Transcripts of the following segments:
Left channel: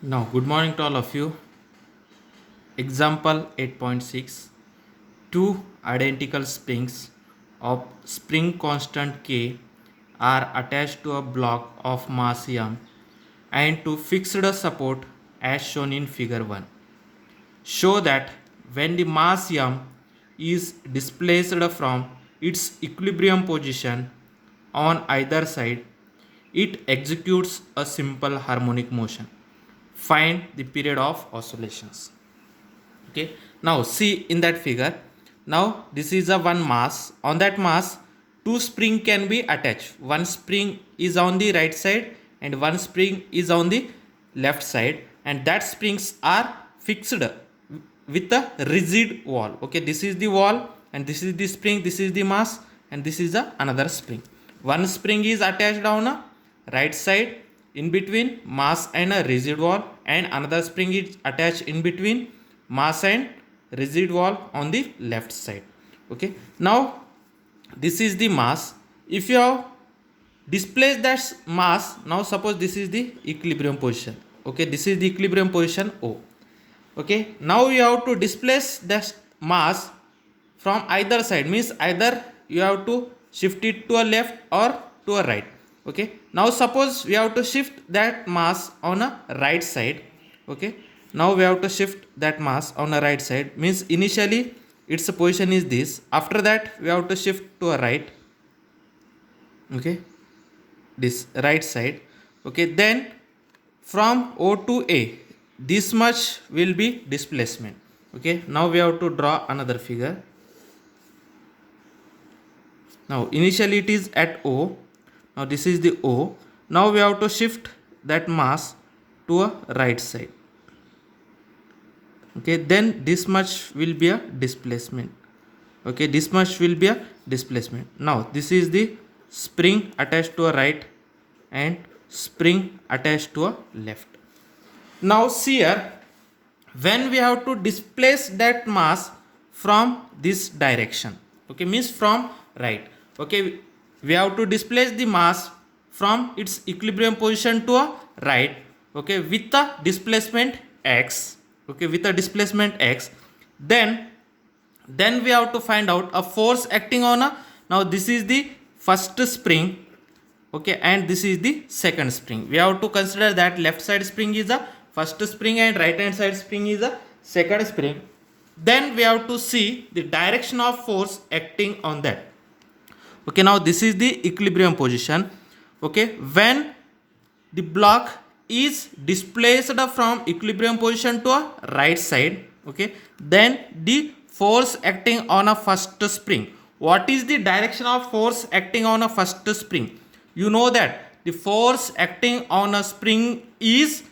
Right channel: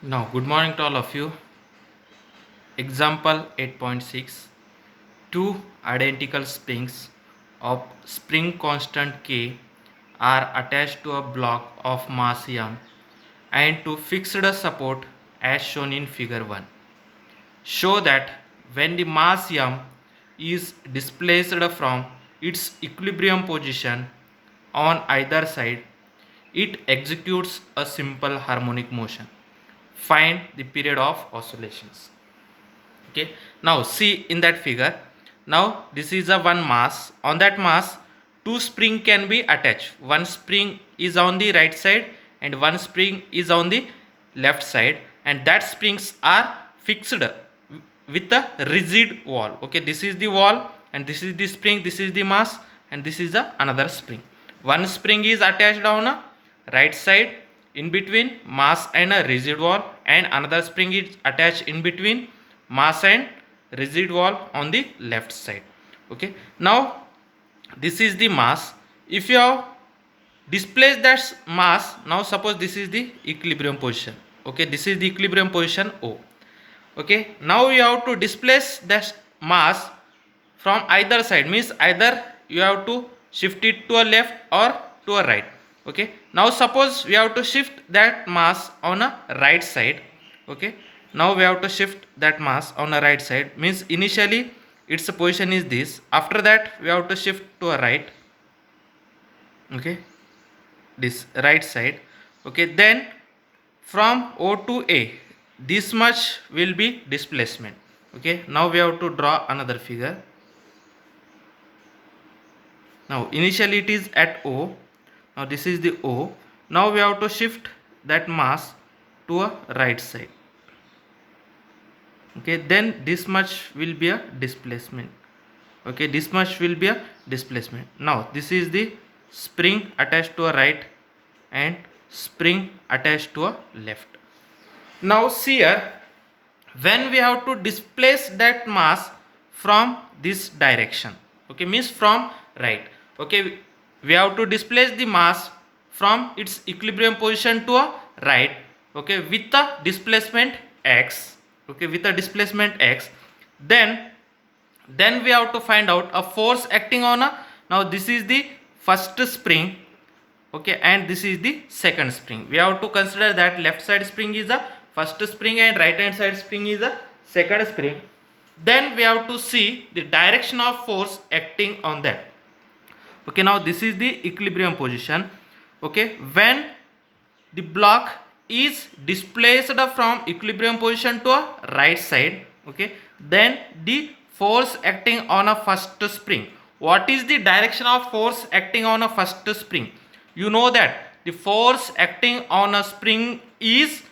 Now, good morning to all of you. Example 8.6. Two identical springs of spring constant K are attached to a block of mass M and to fixed support as shown in figure 1. Show that when the mass M is displaced from its equilibrium position on either side, it executes a simple harmonic motion. Find the period of oscillations. Okay, now see in that figure. Now this is a one mass. On that mass, two spring can be attached. One spring is on the right side and one spring is on the left side, and that springs are fixed with a rigid wall. Okay, this is the wall and this is the spring, this is the mass, and this is the another spring. One spring is attached on a right side in between mass and a rigid wall, and another spring is attached in between mass and rigid wall on the left side. Okay, now this is the mass. If you have displaced that mass, now suppose this is the equilibrium position. Okay, this is the equilibrium position O. Okay, now you have to displace that mass from either side, means either you have to shift it to a left or to a right. Okay, now suppose we have to shift that mass on a right side. Okay, now we have to shift that mass on a right side, means initially its position is this, after that we have to shift to a right. Okay, this right side. Okay, then from O to A, this much will be displacement. Okay, now we have to draw another figure. Now initially it is at O. Now this is the O. Now we have to shift that mass to a right side. Okay, then this much will be a displacement. Okay, this much will be a displacement. Now this is the spring attached to a right and spring attached to a left. Now see here, when we have to displace that mass from this direction, okay, means from right. Okay, we have to displace the mass from its equilibrium position to a right. Okay, with the displacement x. Okay, with the displacement x, then we have to find out a force acting on a, now this is the first spring. Okay, and this is the second spring. We have to consider that left side spring is a first spring and right hand side spring is a second spring. Then we have to see the direction of force acting on that. Okay, now this is the equilibrium position. Okay, when the block is displaced from equilibrium position to a right side, okay, then the force acting on a first spring. What is the direction of force acting on a first spring? You know that the force acting on a spring is,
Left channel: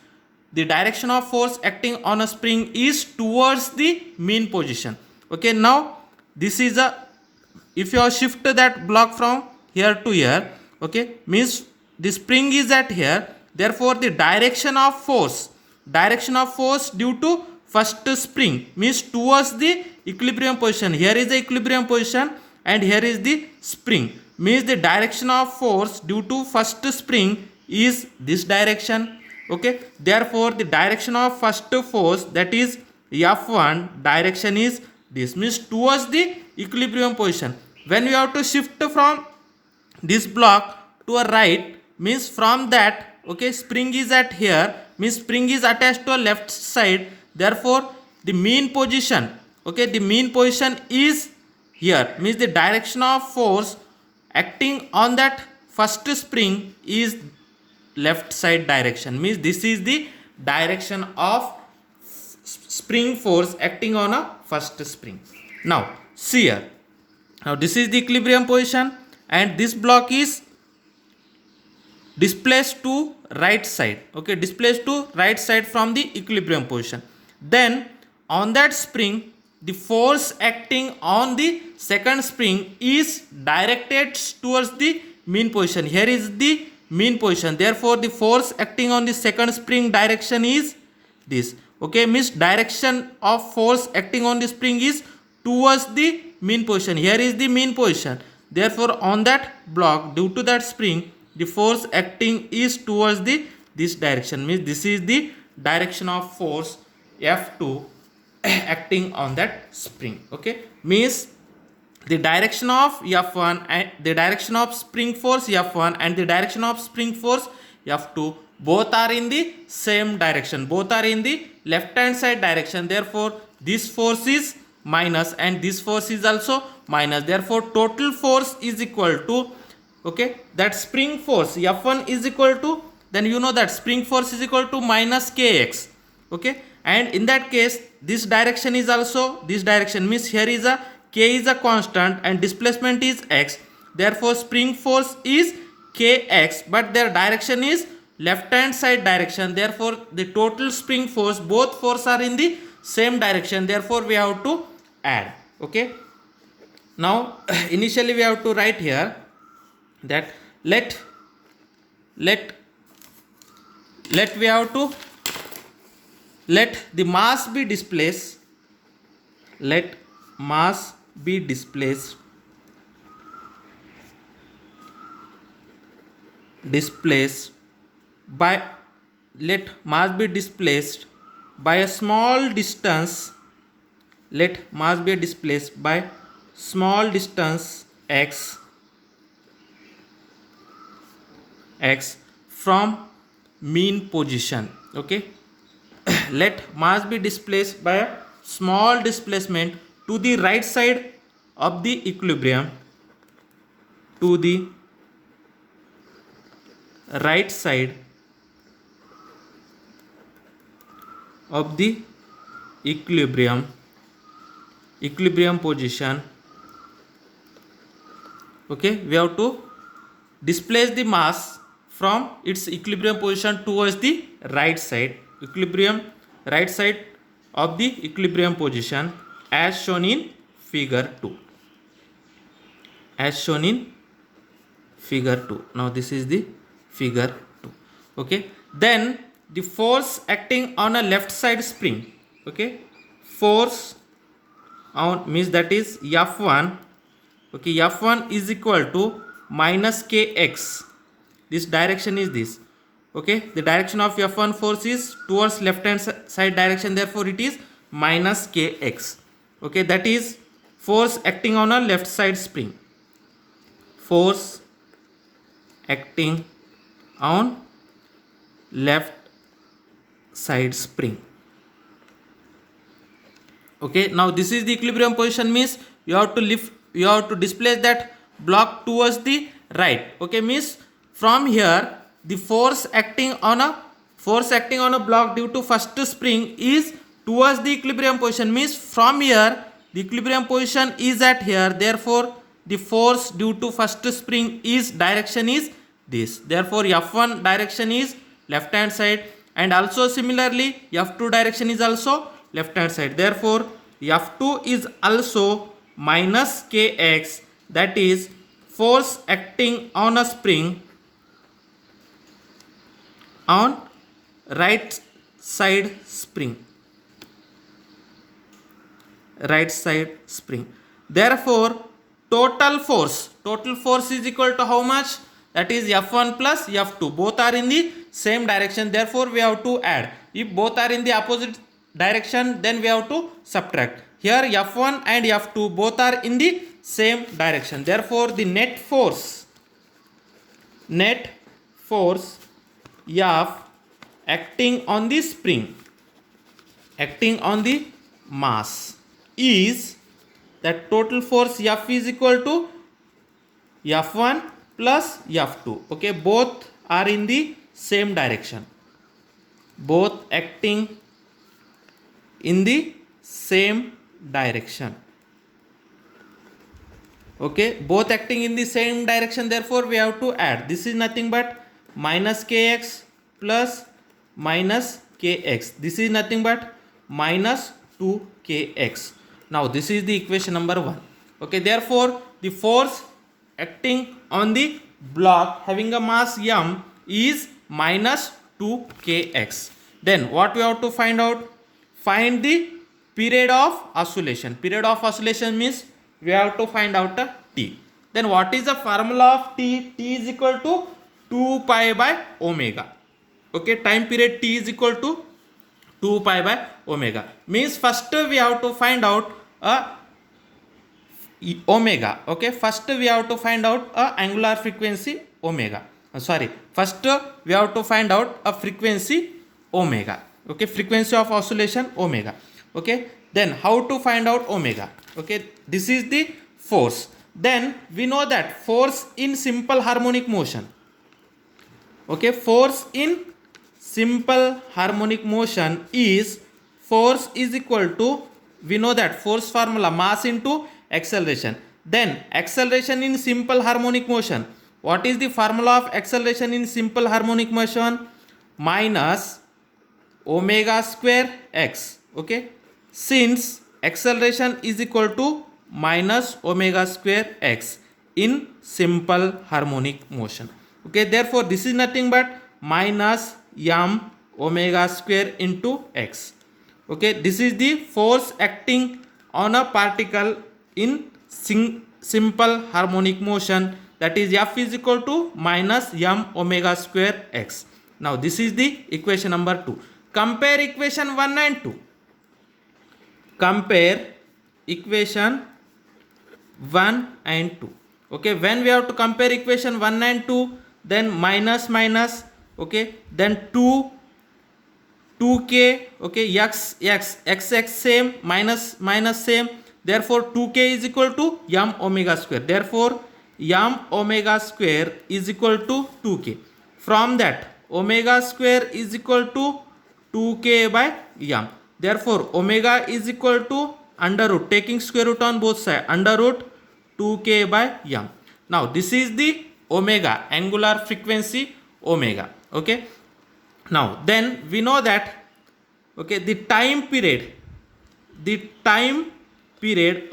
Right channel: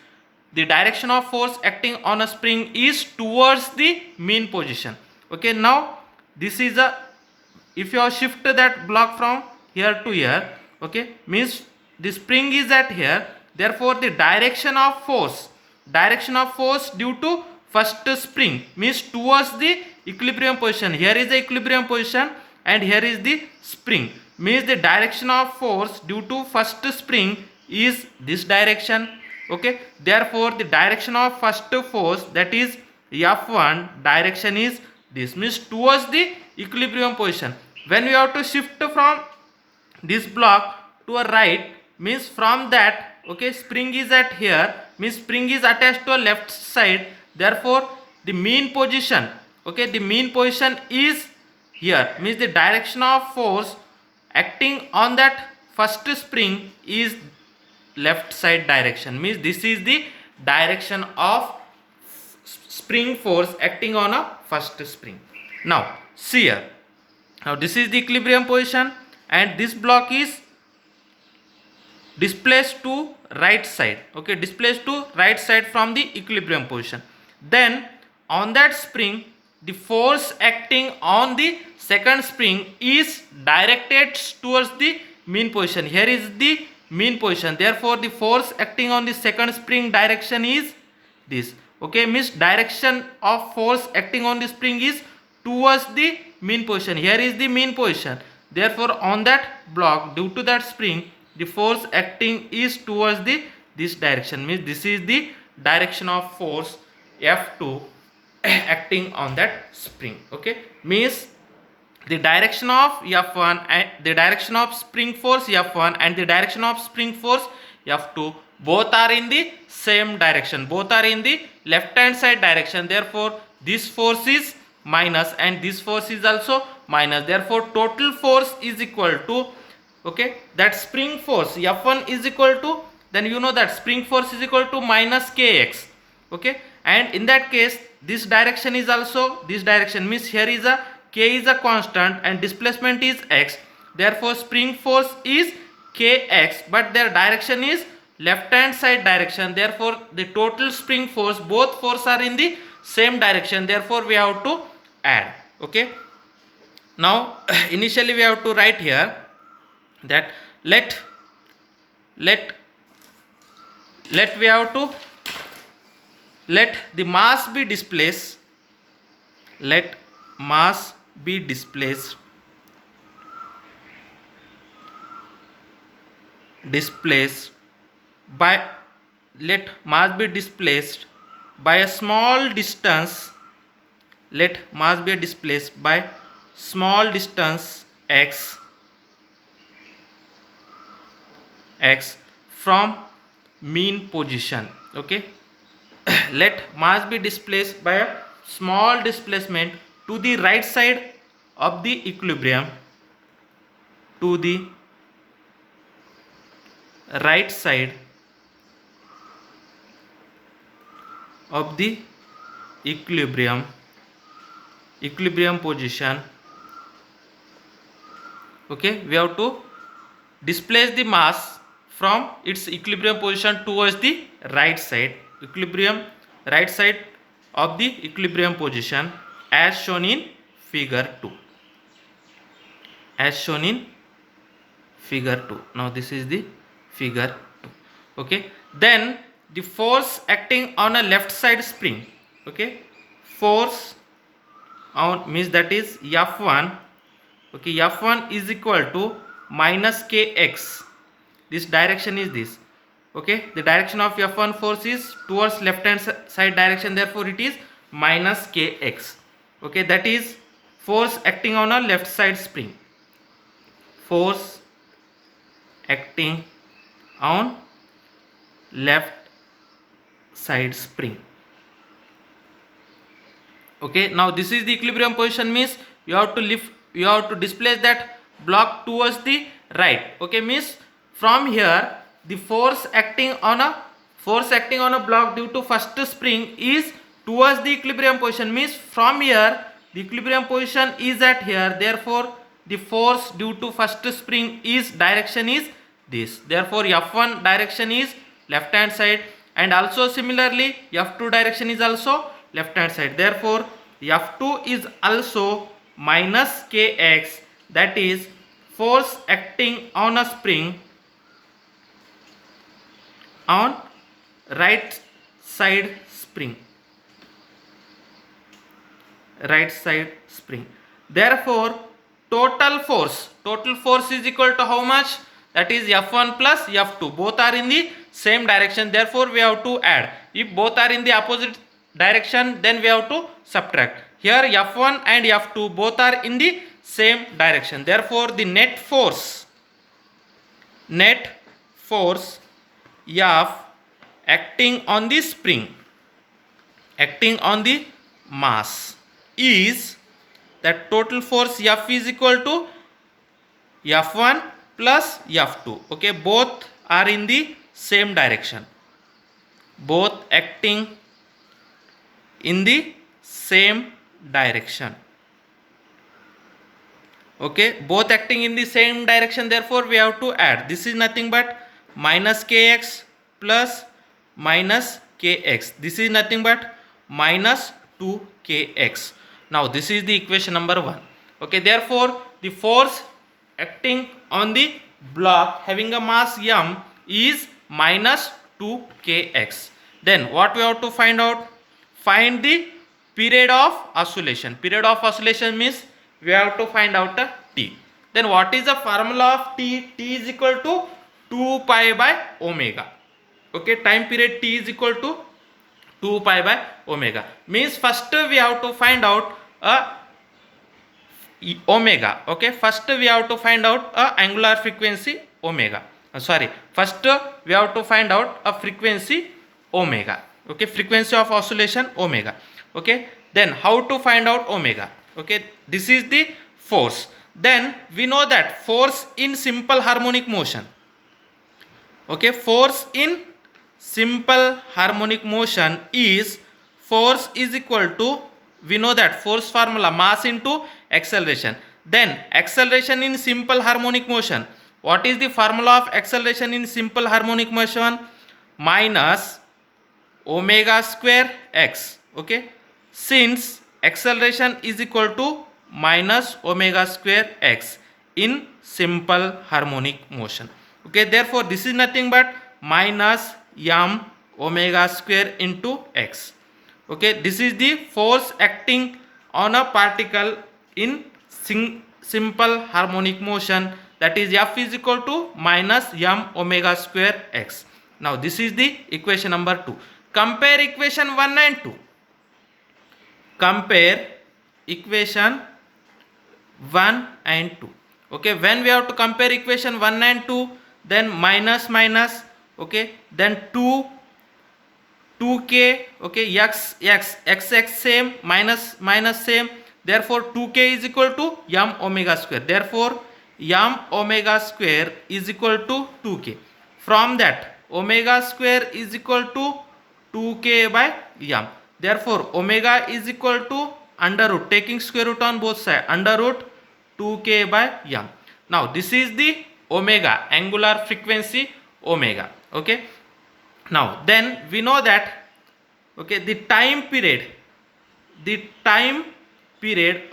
the direction of force acting on a spring is towards the mean position. Okay, now this is a, if you shift that block from here to here, okay, means the spring is at here, therefore the direction of force due to first spring means towards the equilibrium position. Here is the equilibrium position and here is the spring, means the direction of force due to first spring is this direction. Okay, therefore the direction of first force, that is F1 direction, is this, means towards the equilibrium position. When we have to shift from this block to a right, means from that, okay, spring is at here, means spring is attached to a left side, therefore the mean position, okay, the mean position is here, means the direction of force acting on that first spring is left side direction, means this is the direction of spring force acting on a first spring. Now see here, now this is the equilibrium position and this block is displaced to right side. Okay, displaced to right side from the equilibrium position. Then on that spring, the force acting on the second spring is directed towards the mean position. Here is the mean position, therefore the force acting on the second spring direction is this. Okay, means direction of force acting on the spring is towards the mean position. Here is the mean position, therefore on that block, due to that spring, the force acting is towards the this direction, means this is the direction of force F2 acting on that spring. Okay, means the direction of F1 and the direction of spring force F1 and the direction of spring force F2 both are in the same direction, both are in the left hand side direction. Therefore this force is minus and this force is also minus. Therefore total force is equal to, okay, that spring force F1 is equal to, then you know that spring force is equal to minus kx. Okay, and in that case this direction is also this direction, means here is a k is a constant and displacement is x. Therefore spring force is kx, but their direction is left hand side direction. Therefore the total spring force, both force are in the same direction. Therefore we have to add. Okay, now initially we have to write here that let we have to let the mass be displaced, let mass be displaced by, let mass be displaced by a small distance, let mass be displaced by small distance x from mean position. Okay, let mass be displaced by a small displacement to the right side of the equilibrium, to the right side of the equilibrium position. Okay, we have to displace the mass from its equilibrium position towards the right side, right side of the equilibrium position, as shown in figure 2, as shown in figure 2. Now this is the figure 2. Okay, then the force acting on a left side spring, okay, force on, means that is F1. Okay, F1 is equal to minus kx. This direction is this. Okay, the direction of F1 force is towards left hand side direction, therefore it is minus kx. Okay, that is force acting on a left side spring, force acting on left side spring. Okay, now this is the equilibrium position, means you have to lift, you have to displace that block towards the right. Okay, means from here the force acting on a block due to first spring is towards the equilibrium position, means from here the equilibrium position is at here. Therefore the force due to first spring is direction is this. Therefore F1 direction is left hand side, and also similarly F2 direction is also left hand side. Therefore F2 is also minus kx, that is force acting on a spring on right side spring, right side spring. Therefore total force is equal to how much? That is F1 plus F2, both are in the same direction. Therefore we have to add. If both are in the opposite direction, then we have to subtract. Here F1 and F2 both are in the same direction. Therefore the net force F acting on the spring, acting on the mass, is that total force F is equal to F1 plus F2. Okay, both are in the same direction, both acting in the same direction. Okay, both acting in the same direction, therefore we have to add. This is nothing but minus kx plus minus kx. This is nothing but minus 2kx. Now this is the equation number 1. Okay, therefore the force acting on the block having a mass m is minus 2kx. Then what we have to find out? Find the period of oscillation. Period of oscillation means we have to find out a t. Then what is the formula of t? T is equal to 2 pi by omega. Okay, time period t is equal to 2 pi by omega. Means first we have to find out omega. Okay, first we have to find out angular frequency omega. First we have to find out a frequency omega. Okay, frequency of oscillation omega. Okay, then how to find out omega? Okay, this is the force. Then we know that force in simple harmonic motion. Okay, force in simple harmonic motion is force is equal to, we know that force formula, mass into acceleration. Then acceleration in simple harmonic motion, what is the formula of acceleration in simple harmonic motion? Minus omega square x. Okay, since acceleration is equal to minus omega square x in simple harmonic motion. Okay, therefore this is nothing but minus m omega square into x. Okay, this is the force acting on a particle in simple harmonic motion, that is F is equal to minus m omega square x. Now this is the equation number 2. Compare equation 1 and 2. Compare equation 1 and 2. Okay, when we have to compare equation 1 and 2, then minus minus, okay, then 2k, okay, x same, minus minus same, therefore 2k is equal to m omega square, therefore m omega square is equal to 2k. From that, omega square is equal to 2k by m, therefore omega is equal to under root, taking square root on both sides, under root 2k by m. Now this is the omega, angular frequency omega. Okay, now then we know that, okay, the time period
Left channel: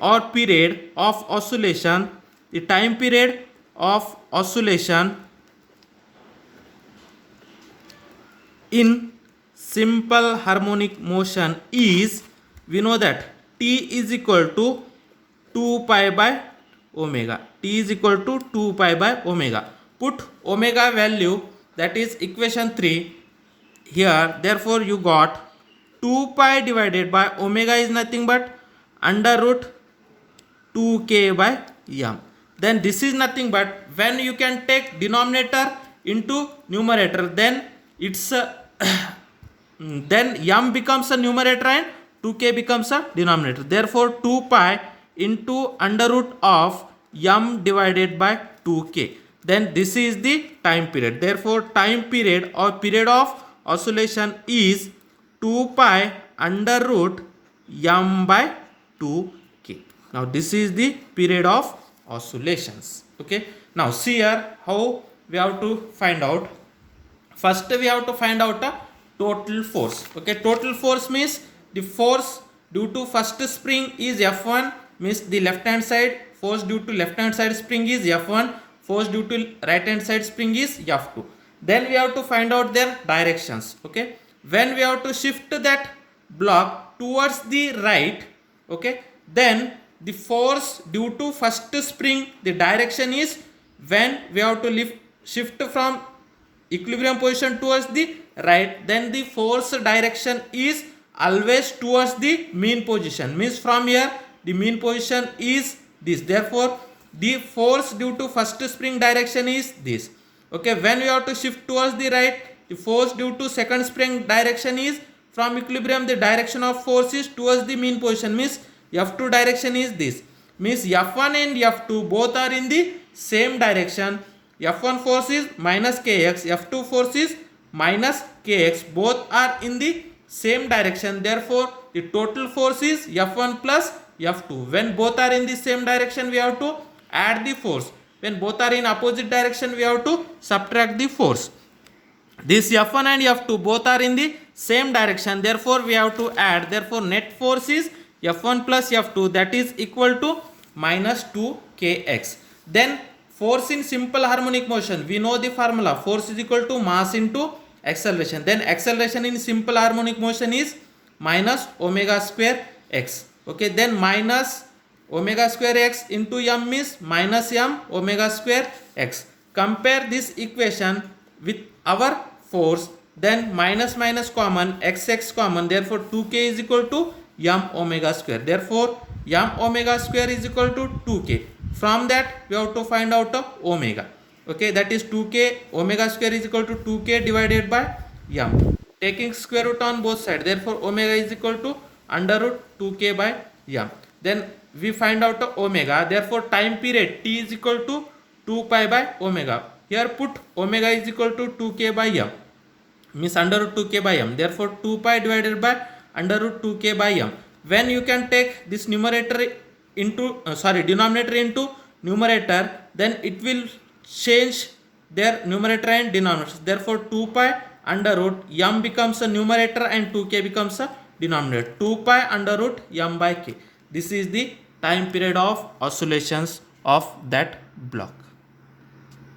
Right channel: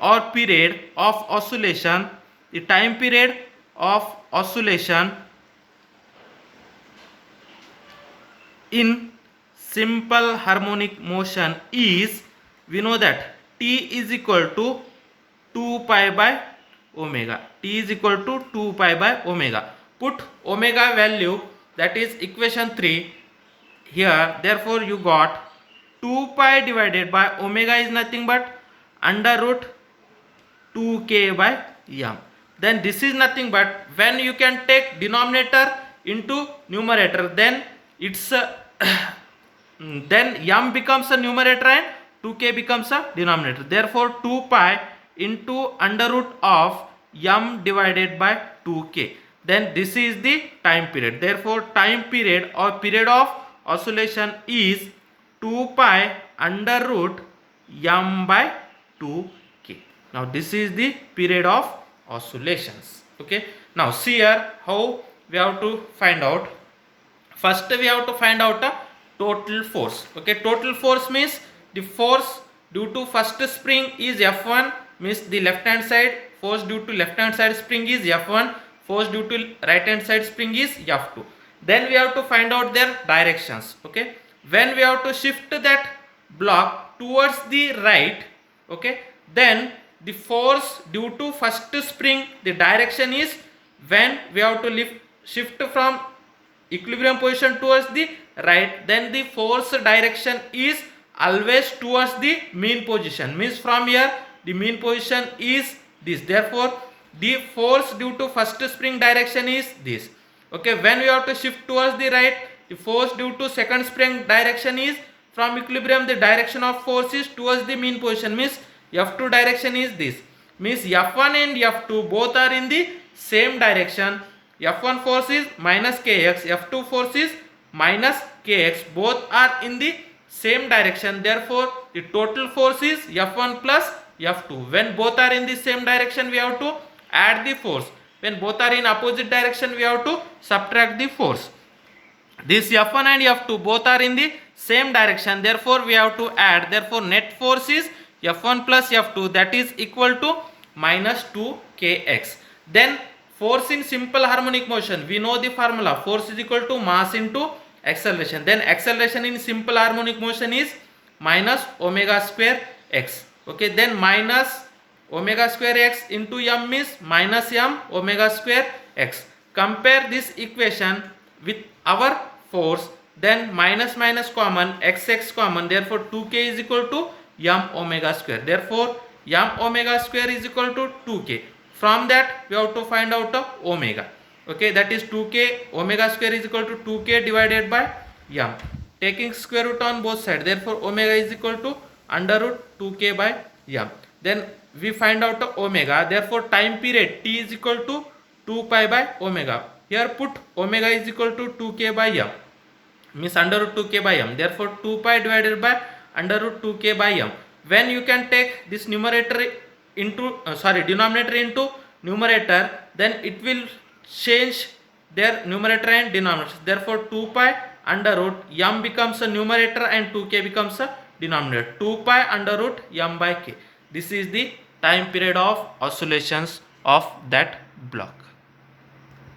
or period of oscillation, the time period of oscillation in simple harmonic motion is, we know that t is equal to 2 pi by omega. T is equal to 2 pi by omega. Put omega value, that is equation 3 here, therefore you got 2 pi divided by omega is nothing but under root 2k by m. Then this is nothing but, when you can take denominator into numerator, then it's then m becomes a numerator and 2k becomes a denominator, therefore 2 pi into under root of m divided by 2k. Then this is the time period, therefore time period or period of oscillation is 2 pi under root m by 2k. Now this is the period of oscillations. Okay, now see here how we have to find out. First we have to find out a total force. Okay, total force means the force due to first spring is F1, means the left hand side force due to left hand side spring is F1, force due to right hand side spring is F2. Then we have to find out their directions. Okay, when we have to shift that block towards the right, okay, then the force due to first spring, the direction is, when we have to shift from equilibrium position towards the right, then the force direction is always towards the mean position, means from here the mean position is this, therefore the force due to first spring direction is this. Okay, when we have to shift towards the right, the force due to second spring direction is from equilibrium, the direction of force is towards the mean position, means F2 direction is this, means F1 and F2 both are in the same direction. F1 force is minus kx, F2 force is minus kx, both are in the same direction, therefore the total force is F1 plus F2. When both are in the same direction, we have to add the force. When both are in opposite direction, we have to subtract the force. This F1 and F2 both are in the same direction, therefore we have to add, therefore net force is F1 plus F2, that is equal to minus 2kx. Then force in simple harmonic motion, we know the formula, force is equal to mass into acceleration. Then acceleration in simple harmonic motion is minus omega square x. Okay, then minus omega square x into m is minus m omega square x. Compare this equation with our force, then minus minus common, xx common, therefore 2k is equal to m omega square, therefore m omega square is equal to 2k. From that we have to find out the omega. Okay, that is 2k, omega square is equal to 2k divided by m, taking square root on both sides, therefore omega is equal to under root 2k by m. Then we find out the omega, therefore time period t is equal to 2 pi by omega. Here put omega is equal to 2k by m, means under root 2k by m, therefore 2 pi divided by under root 2k by m. When you can take this numerator into denominator into numerator, then it will change their numerator and denominator, therefore 2 pi under root m becomes a numerator and 2k becomes a denominator, 2 pi under root m by k. This is the time period of oscillations of that block.